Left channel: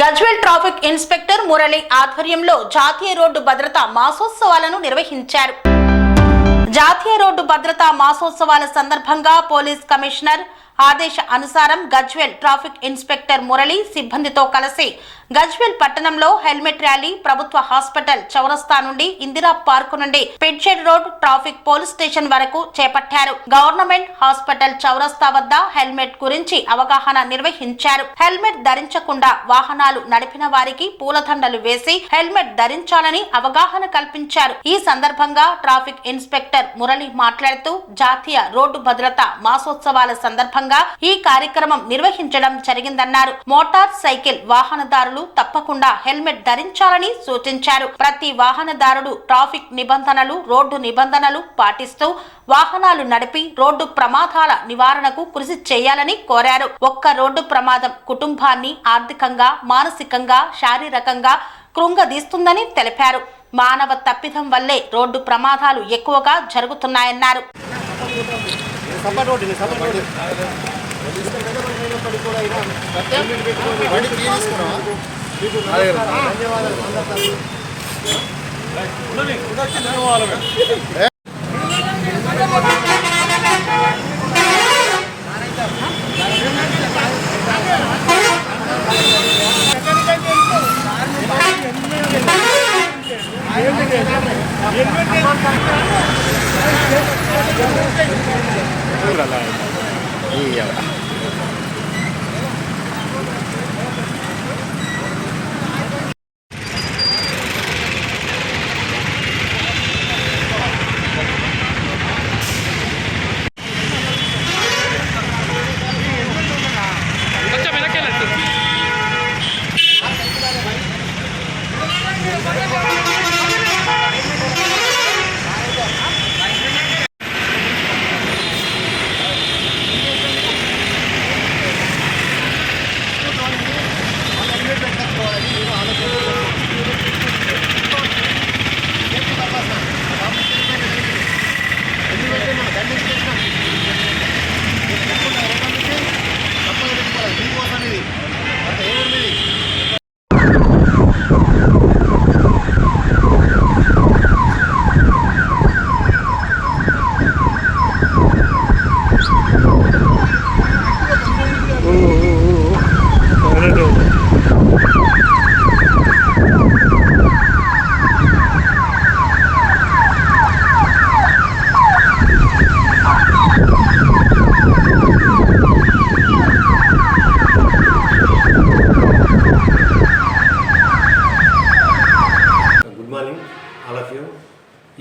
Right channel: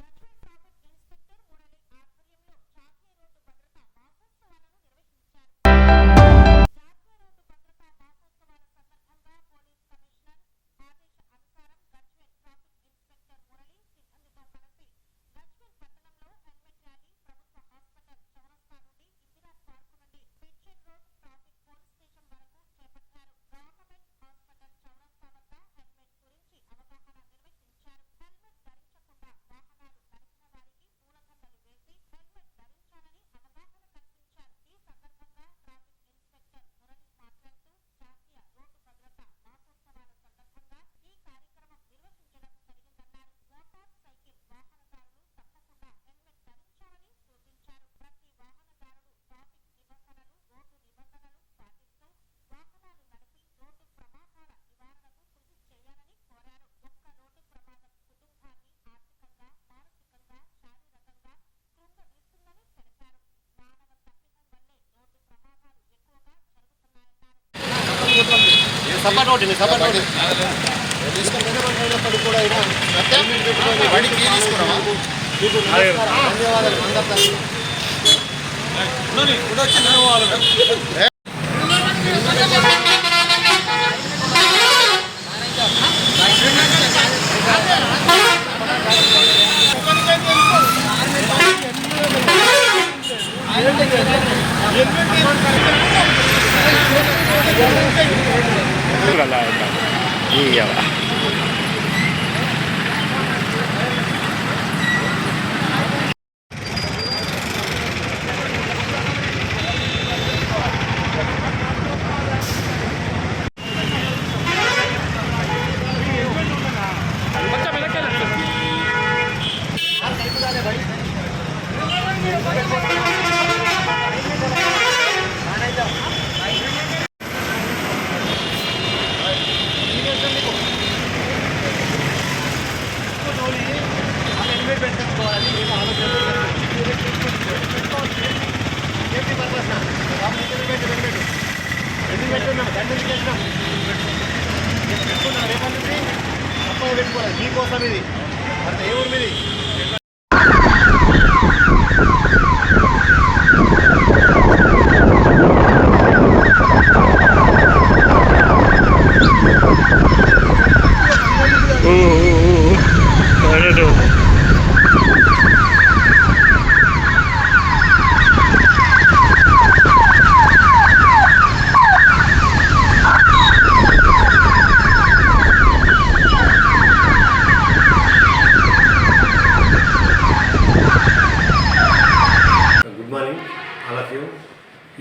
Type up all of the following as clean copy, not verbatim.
Gajwel traffic inspector Murali ఆధ్వర్యంలో జాతీయ road భద్రతా మాసోత్సవాలను నిర్వహించారు. జాతీయ రోడ్డు భద్రతా మాసోత్సవాల సందర్భంగా పోలీస్ కమిషనర్ ఆదేశ అనుసారం గజ్వేల్ ట్రాఫిక్ ఇన్స్పెక్టర్ మురళి సిబ్బందితో కలిసి గజ్వేల్ పట్టణంలో హెల్మెట్ ర్యాలీ ప్రభుత్వ హాస్పిటల్ చౌరస్తా నుండి ఇందిరా పార్క్ నుండి పిడ్జెడ్ రోడ్ ట్రాఫిక్ పోలీస్ స్టేషన్ వరకు చేపట్టారు. గవర్నమెంట్ హాస్పిటల్ చౌరస్తా వద్ద హెల్మెట్ గురించి అవగాహన నిర్వహించారు. హెల్మెట్ ధరించకుండా వాహనాలు నడిపిన వారికి పూలదండలు వేసి హెల్మెట్ ధరించాలని అవగాహన కల్పించారు. ఈ సందర్భంగా ట్రాఫిక్ ఇన్స్పెక్టర్ మురళి మాట్లాడుతూ జాతీయ రోడ్డు భద్రత మాసోత్సవాల సందర్భంగా ఈ కార్యక్రమం నిర్వహించడం జరిగిందన్నారు. మోటార్ సైకిల్ వాహనదారులు తప్పకుండా హెల్మెట్ ధరించాలని సూచించారు. ప్రతి వాహనదారుడు ట్రాఫిక్ నిబంధనలు, రోడ్డు నిబంధనలు పాటిస్తూ వాహనాలు నడిపి రోడ్డు ప్రమాదాల నివారణకు కృషి చేయాలని కోరారు. ఒక్క రోడ్డు ప్రమాదం కుటుంబాన్ని ఆర్థికంగా, మానసికంగా, శారీరకంగా కృంగదీస్తుందని తెలిపారు. మానవ తప్పిదం వల్లే రోడ్డు ప్రమాదాలు ఎక్కువగా జరుగుతున్నాయన్నారు. Iya, Pak.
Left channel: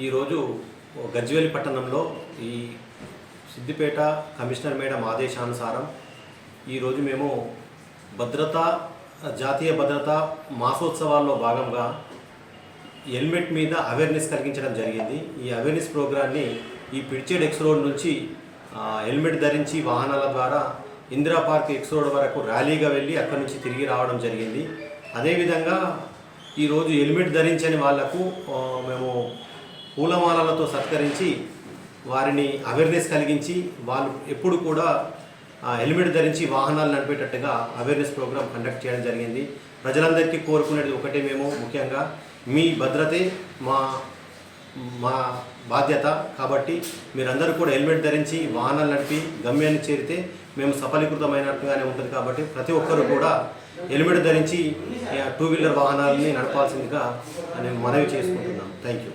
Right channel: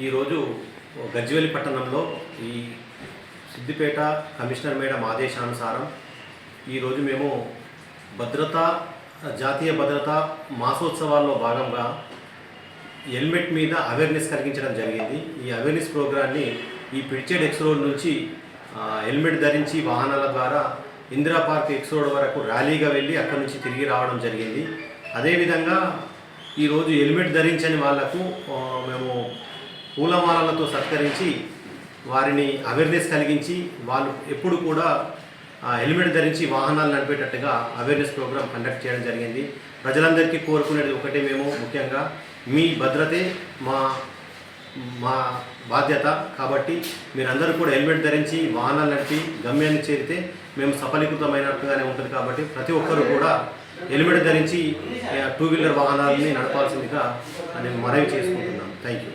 ఈరోజు గజ్వేల్ పట్టణంలో ఈ సిద్దిపేట కమిషనర్ మేడం ఆదేశానుసారం ఈరోజు మేము జాతీయ భద్రతా మాసోత్సవాల్లో భాగంగా హెల్మెట్ మీద అవేర్నెస్ కలిగించడం జరిగింది. ఈ అవేర్నెస్ ప్రోగ్రాన్ని ఈ పిడ్జెడ్ ఎక్స్ రోడ్ నుంచి హెల్మెట్ ధరించి వాహనాల ద్వారా ఇందిరా పార్క్ ఎక్స్ రోడ్ వరకు ర్యాలీగా వెళ్ళి అక్కడి నుంచి తిరిగి రావడం జరిగింది. అదేవిధంగా ఈరోజు హెల్మెట్ ధరించని వాళ్లకు మేము పూలమాలలతో సత్కరించి వారిని అవేర్నెస్ కలిగించి వాళ్ళు ఎప్పుడు కూడా హెల్మెట్ ధరించి వాహనాలు నడిపేటట్టుగా అవేర్నెస్ ప్రోగ్రాం కండక్ట్ చేయడం జరిగింది. ప్రజలందరికీ కోరుకునేది ఒకటే, మేము ముఖ్యంగా మీ భద్రతే మా బాధ్యత కాబట్టి మీరందరూ కూడా హెల్మెట్ ధరించి వాహనాలు నడిపి గమ్యాన్ని చేరితే మేము సఫలీకృతమైనట్టుగానే ఉంటుంది. కాబట్టి ప్రతి ఒక్కరూ కూడా హెల్మెట్ ధరించి టూ వీలర్ వాహనాలని నడపాల్సిందిగా నేను మనవి చేసుకుంటున్నాం. Thank you.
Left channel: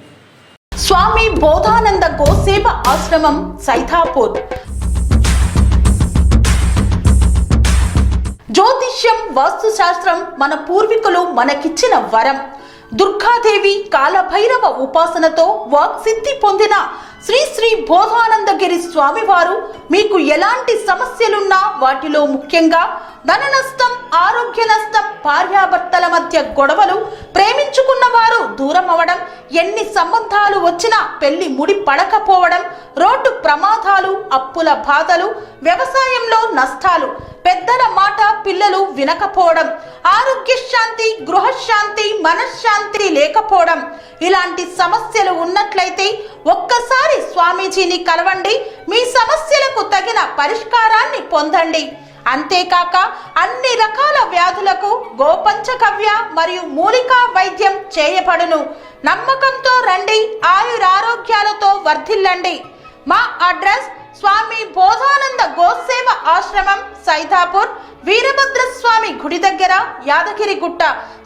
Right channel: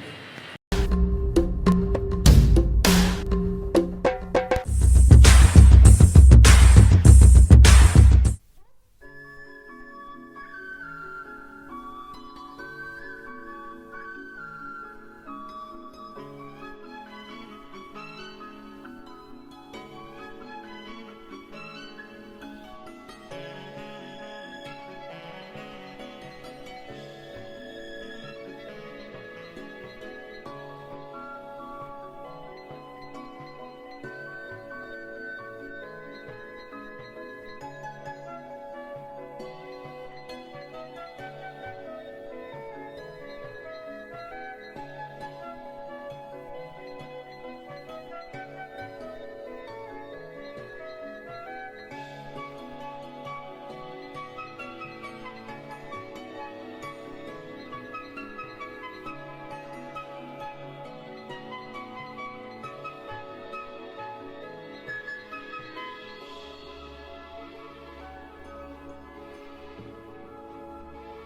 స్వామి బోధానంద గోసేవ ఆశ్రమం సైథాపూర్. జ్యోతిష్యం, వాస్తుశాస్త్రం మన పూర్వీకులు మనకిచ్చిన వరం. దుర్గాదేవి, కాలభైరవ ఉపాసనతో వాక్సిద్ధి పొందిన శ్రీ శ్రీ బోధానందగిరి స్వామివారు మీకు ఎలాంటి సమస్యలున్నా, వాటిలో ముఖ్యంగా ధన నష్టం, ఆరోగ్య నష్టం, భార్యాభర్తల మధ్య గొడవలు, ప్రేమించుకున్న వారు దూరం అవడం, ఎన్ని సంబంధాలు వచ్చినా పెళ్లి ముడి పడకపోవడం, రోడ్డు ప్రమాదాలు, అప్పుల బాధలు, వ్యవసాయంలో నష్టాలు, పెద్దల మాట పిల్లలు వినకపోవడం, ఆరోగ్య శాంతి, గృహశాంతి, మనశ్శాంతి లేకపోవడం, ఇలాంటి సమస్యలు ఉన్నట్లయితే ఒక్కసారి స్వామీజీని కలవండి. మీ సమస్యలకు తగిన పరిష్కారాన్ని పొందండి. అంతేకాక అన్ని రకాల వ్యాధులకు గోపంచగవ్య మరియు మూలికా వైద్యం చేయబడును. నమ్మకంతో రండి, ఆయురారోగ్యాలతో వర్ధిల్లండి. మా అడ్రస్ స్వామి బోధానంద గోసేవ ఆశ్రమం, సైదాపూర్, వీరభద్రస్వామి గుడి దగ్గర, యాదగిరిగుట్ట.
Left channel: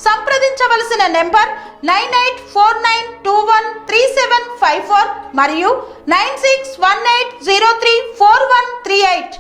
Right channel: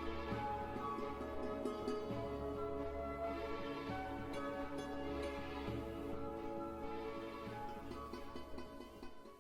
సంప్రదించవలసిన నెంబర్ 9849213754 మరియు 9618034138.